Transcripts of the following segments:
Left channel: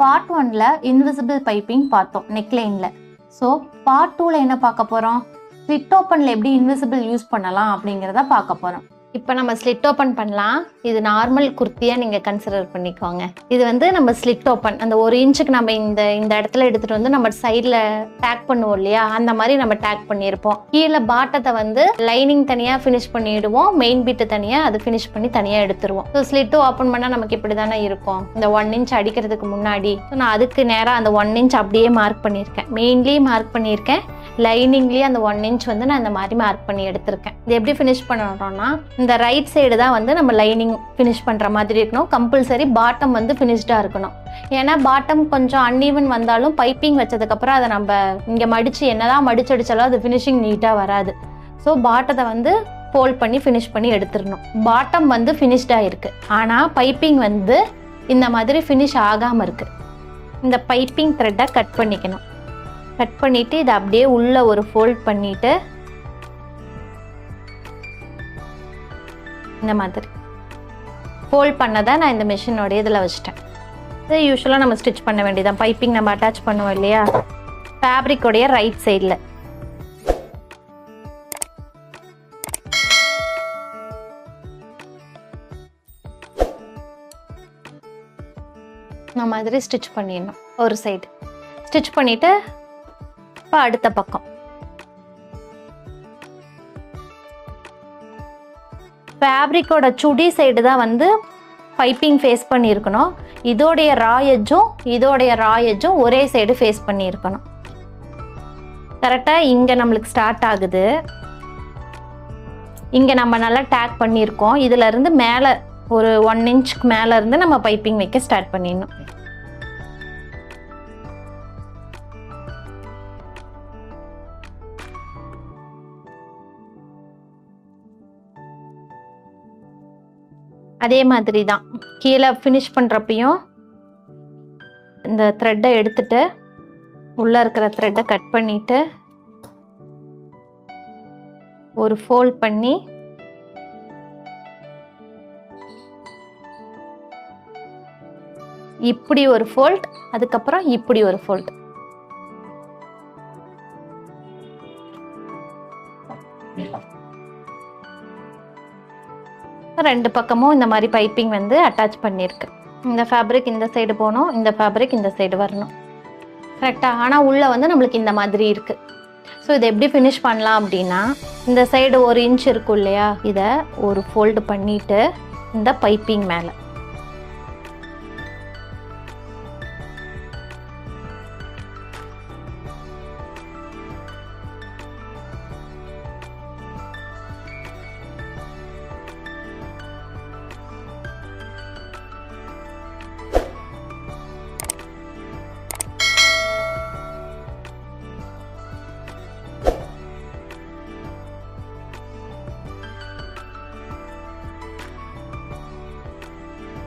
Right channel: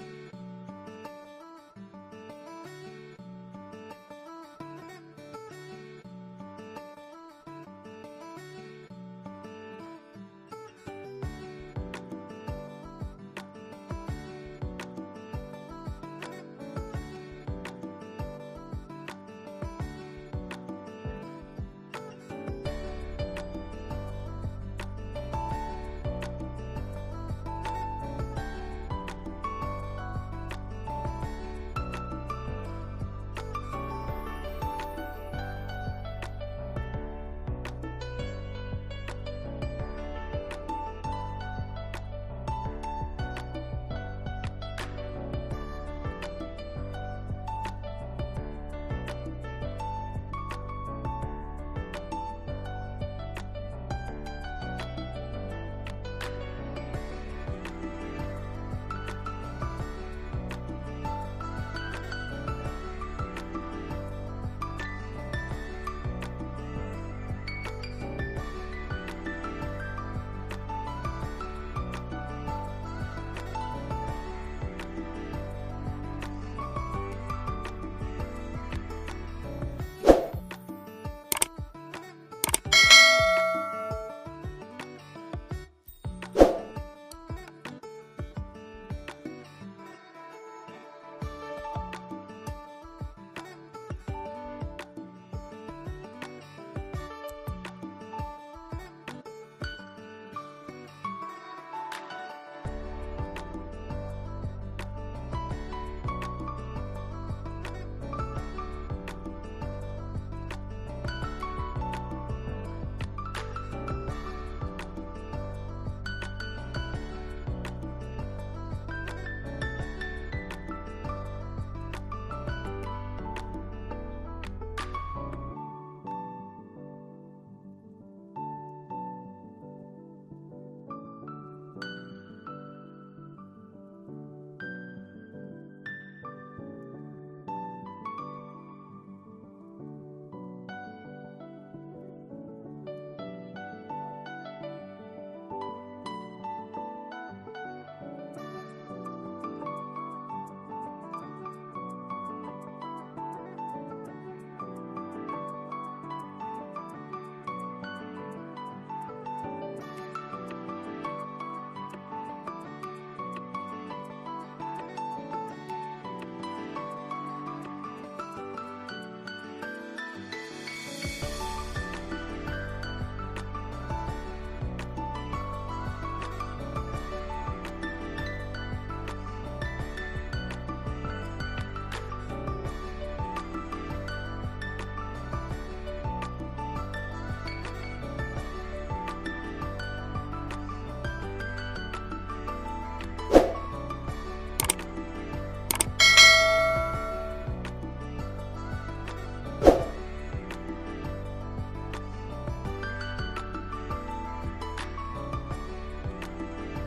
Part 1ல invisible piping பார்த்தோம் நெக்லைன்ல. So part 2ல என்ன பார்க்க போறோம்? ஸ்லிட் ஓப்பன்ல எப்படி இன்விசிபிள் யூஸ் பண்ணலாம் அப்படிங்கிறத பார்க்க போறோம். இப்போ நம்ம ஸ்லிட் ஓப்பன் பண்ணலாம். இது நார்மல் குர்த்தியா நீங்க கன்சிடர் பண்ணிக்கோங்க. இது வந்து நம்ம ஸ்லிட் ஓப்பன் அந்த 1 இன்ச்சுக்கு நம்ம இந்த இடத்துல எடுத்துட்டு வந்து நம்ம சைட்ல டேக் பண்ணுவோம் இல்லையா, அந்த மாதிரி நம்ம டேக் பண்ணியிருப்போம். கீழே பாட்டத்தை வந்து லைனிங் தனியா ஃபினிஷ் பண்ணிடுவோம், மெயின் பீட்டு தனியா அது ஃபினிஷ் பண்ணி தனியா எடுத்துருவோம். ஸோ ஸ்லிட் ஓப்பன் பண்ணா நமக்கு இப்படி தானே இருக்கும். இந்த 1 இன்ச் அடிக்கிறதுக்கு முன்னாடி நான் அதுக்கு நேராக அந்த 1 இன்ச் அப்படியே மார்க் பண்ணியிருக்கேன். மெயின்லேயே மார்க் பண்ணியிருக்கேன், லைனிங்லேயே அந்த 1 இன்ச் வந்து நான் இந்த மாதிரி மார்க் பண்ணி எடுத்திருக்கேன். இது எப்படி ஃபினிஷ் பண்ணணும்னா, இந்த ரைட் சைடு தான் வந்து நம்ம லைனிங் ஃபினிஷ் பண்ணுற மாதிரி இருக்கணும். கம்பல்சரி பாட்டம் வந்து ஃபினிஷ்டாக இருக்கணும். ஏன்னா பாட்டம் கொஞ்சம் அன்ஈவன் வந்தாலும் பைப்பிங் வச்சதுக்கப்புறம் அதை நம்ம இங்கே மடித்து என்னதான் மடிச்சடிச்சாலும் அது ஃபினிஷிங் நீட்டாக வராது. ஸோ பாட்டத்தை வந்து ஃபோல்ட் பண்ணி ஃபினிஷ் பண்ணி எடுத்துடணும். பாட்டம் வந்து ஃபினிஷ்டாக இருக்குது, ஆனால் பைப்பிங் வந்து இந்த மாதிரி ஃபினிஷ் ஆகாமல் இருக்குது. இந்த பைப்பிங் த்ரெட்டை கட் பண்ணிக்கணும். கட் பண்ணிவிட்டு இதை அப்படியே உள்ளே ஒரு ஃபோல்ட் பண்ணிவிட்டு இந்த மாதிரி ஃபோல்ட் பண்ணதை நான் இந்த மிஷினோட இதில் வச்சுட்டேன். இது யூஸ்வலாக நம்ம ஸ்டிச் பண்ண வேண்டியதான். பைப்பிங் நம்ம அட்டாச் பண்ணுவோம் இல்லையா, ஃபேப்ரிக்கோடைய ரைட் சைடில் இந்த மாதிரி ஸ்டிச் பண்ணிடணும். ஒரு சைடு ஸ்டிச் பண்ணிவிட்டு இப்போ அடுத்த பக்கம் ஃபேப்ரிக்கோட சுடி சைடு தான் வந்து பைப்பிங் ஃபேஸ் பண்ணியிருக்கணும். இதோடைய ரா எட்ஜும் ஒரே சைடு ஃபேஸ் பண்ணியிருக்கணும். கரெக்டாக இங்கே நம்மளுக்கு ஸ்டார்ட் ஆகுது. இங்கே நம்ம நல்லா டேக் பண்ணியிருக்கோம். இதிலேருந்து மேலே ஒரு 1 இன்ச்சுக்கு மேலே இருந்து நம்ம பைப்பிங் வைக்க ஸ்டார்ட் பண்ணிடணும். அதே மாதிரி தான் கீழே ஃபினிஷ் பண்ணுறப்பையும் இந்த த்ரெட்டை எடுத்துட்டு உள்ளே இருக்கிற த்ரெட்டை கட் பண்ணிட்டு ஒரு ஃபோல்ட் பண்ணி இப்படி ஒரு ஃபோல்ட், அதுக்கப்புறம் இப்படி ஒரு ஃபோல்ட். ரெண்டு பக்கமும் இந்த மாதிரி பைப்பிங் வந்து அட்டாச் பண்ணியிருக்கு. இந்த ஃபேப்ரிக் இந்த சைடு போகணும், இந்த ஃபேப்ரிக் இந்த சைடு வரணும். கரெக்டாக? ஆனால் உள்ளே வந்து நம்மளுக்கு இந்த மாதிரி இருக்குது. ஸோ இதை எப்படி ஃபினிஷ் பண்ணலாம் அப்படின்னா, இந்த சைடு 1 இன்ச் இருக்கும் இல்லையா, இதை ஒரு ஃபோல்டு பண்ணிவிட்டு இந்த பைப்பிங் மேலே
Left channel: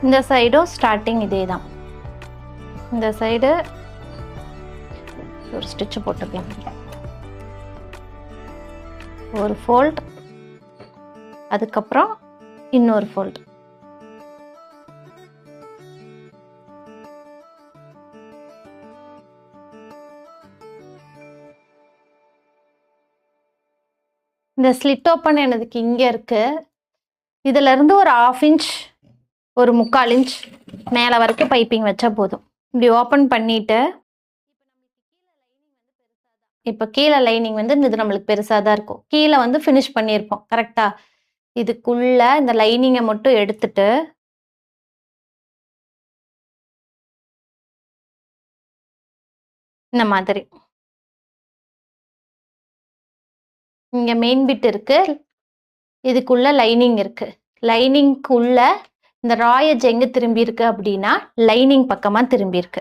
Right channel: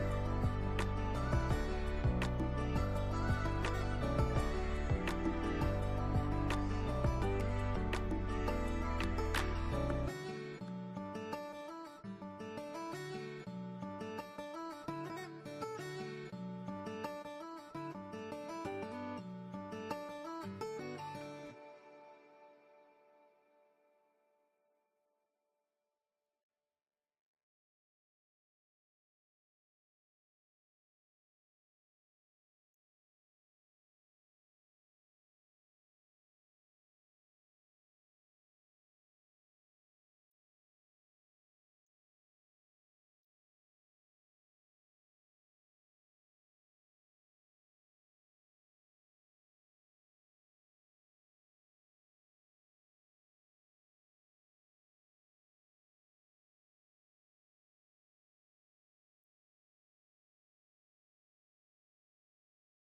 இந்த சைடும் ஸ்டார்டிங் இதே தான். இந்த சைடு ஒரு ஸ்டிச் போட்டுக்கலாம். ஒரு ஃபோல்ட், அதுக்கப்புறம் இன்னொரு ஃபோல்ட். இந்த ஸ்லிட் ஓப்பன் எனக்கு இங்கே இருக்கு. இதுல இருந்து ஒரு 1/2 இன்ச் ஒரு 3/4 இன்ச் மேலே வரைக்கும் பைப்பிங் வச்சா போதும். இப்படி ஓப்பன் பண்ணிட்டு இப்போ கீழே லைனிங் வந்து இது நம்மளுக்கு பெருசாக தான் இருக்கும். கீழே வந்து ஃபினிஷ் பண்ணியிருப்போம். கரெக்டா? இதுக்குள்ள இந்த லைனிங்கை மட்டும் எடுத்துட்டு இந்த மாதிரி இங்கே மெயின் பிட் இருக்கு, இதுக்குள்ள லைனிங் இருக்கு. லைனிங்க்குள்ள இந்த ரா எட்ஜ் எங்க திரும்பி இருக்கு அப்படின்னா லைனிங் பக்கமா திரும்பி இருக்கு.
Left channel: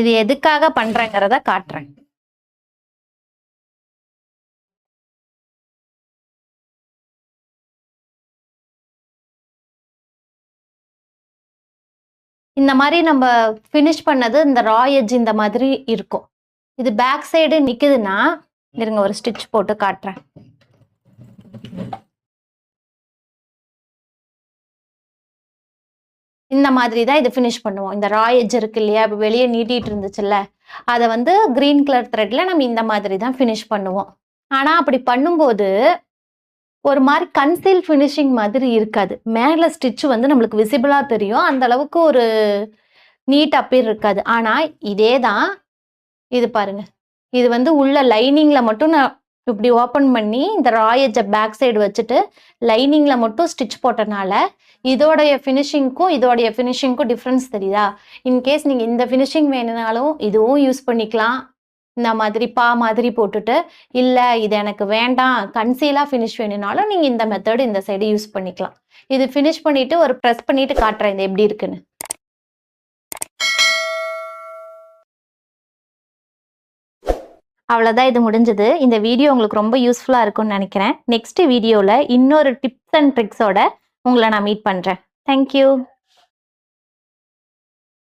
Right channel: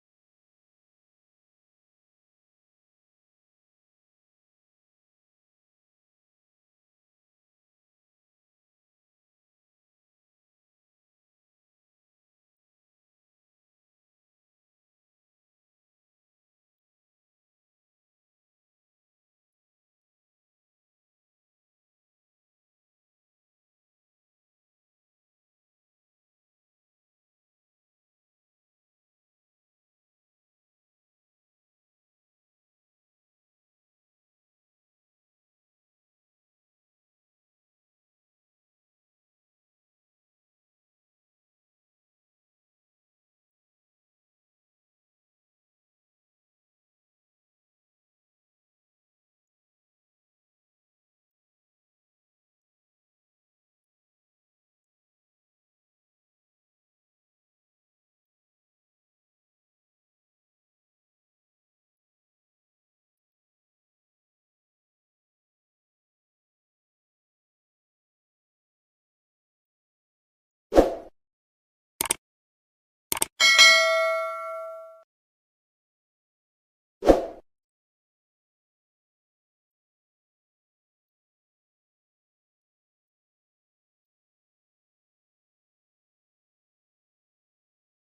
இது எதுக்காக பண்றேங்கிறத காட்டுறேன். இந்த மாதிரி நம்ம ஃபினிஷ் பண்ணது இந்த ரா எட்ஜ் இந்த மாதிரி இருக்கும். இது பேக் சைடு நிக்குதுன்னா இருங்க ஒரு ஸ்டிச் போட்டு காட்டுறேன். இந்த மாதிரி தான் இது ஃபினிஷ் பண்ணுவோம். இந்த ரா எட்ஜ் இருக்கு இல்லையா, இப்போ வெளியே நீட்டிட்டு இருந்துச்சுல்ல, அதை வந்து கிரீன் கலர் த்ரெட்ல நம்ம இந்த மாதிரி தான் ஃபினிஷ் பண்ணுவோம். ஆனா அப்படி பண்ணும்போது ஒரு மாதிரி கன்சீல் ஃபினிஷிங் மாதிரி இருக்காது. மேல ஸ்டிட்ச் வந்து நம்மளுக்கு விசிபிளா தெரியும். அந்த அளவுக்கு ஒரு நீட் அப்பீர் இருக்காது. ஆனா இதே தான் இது பாருங்க. இது வந்து உள்ள லைனிங்ல மட்டும் நான் இப்படி ஓப்பன் பண்ணி இந்த ரா எட்ஜ பேக் சைடு வச்சுட்டு லைனிங்ல மட்டும் ஸ்டிட்ச் போட்டனால இதோடைய ஃபினிஷிங்க்கும் டிஃப்ரென்ஸ் தெரியுதா? இன்கேஸ் நீங்க இந்த ஃபினிஷிங் வேணும்னாலும் இதுவும் யூஸ் பண்ணிக்கலாம். இந்த மாதிரி மாதிரி போட்டுட்டு, இல்ல இது எனக்கு வேண்டாம் கன்சீலா ஃபினிஷ் வேணும்னாலும் நீங்க இந்த மெத்தட் இந்த சைடு யூஸ் பண்ணிக்கலாம். இது ஃபினிஷ் பண்ணிட்டு ஒரு பிரஸ் பண்ணிட்டு காட்டுறேன் இது எப்படி இருக்குன்னு. அவ்வளோதான், இது முடிஞ்சது. இந்த வீடியோ உங்களுக்கு ரொம்ப யூஸ்ஃபுல்லா இருக்கும்னு நினைக்கிறேன். நெக்ஸ்ட் வீடியோல இன்னொரு டிப்ஸ் அண்ட் ட்ரிக்ஸோட உங்களை நான் மீட் பண்றேன். Thank you.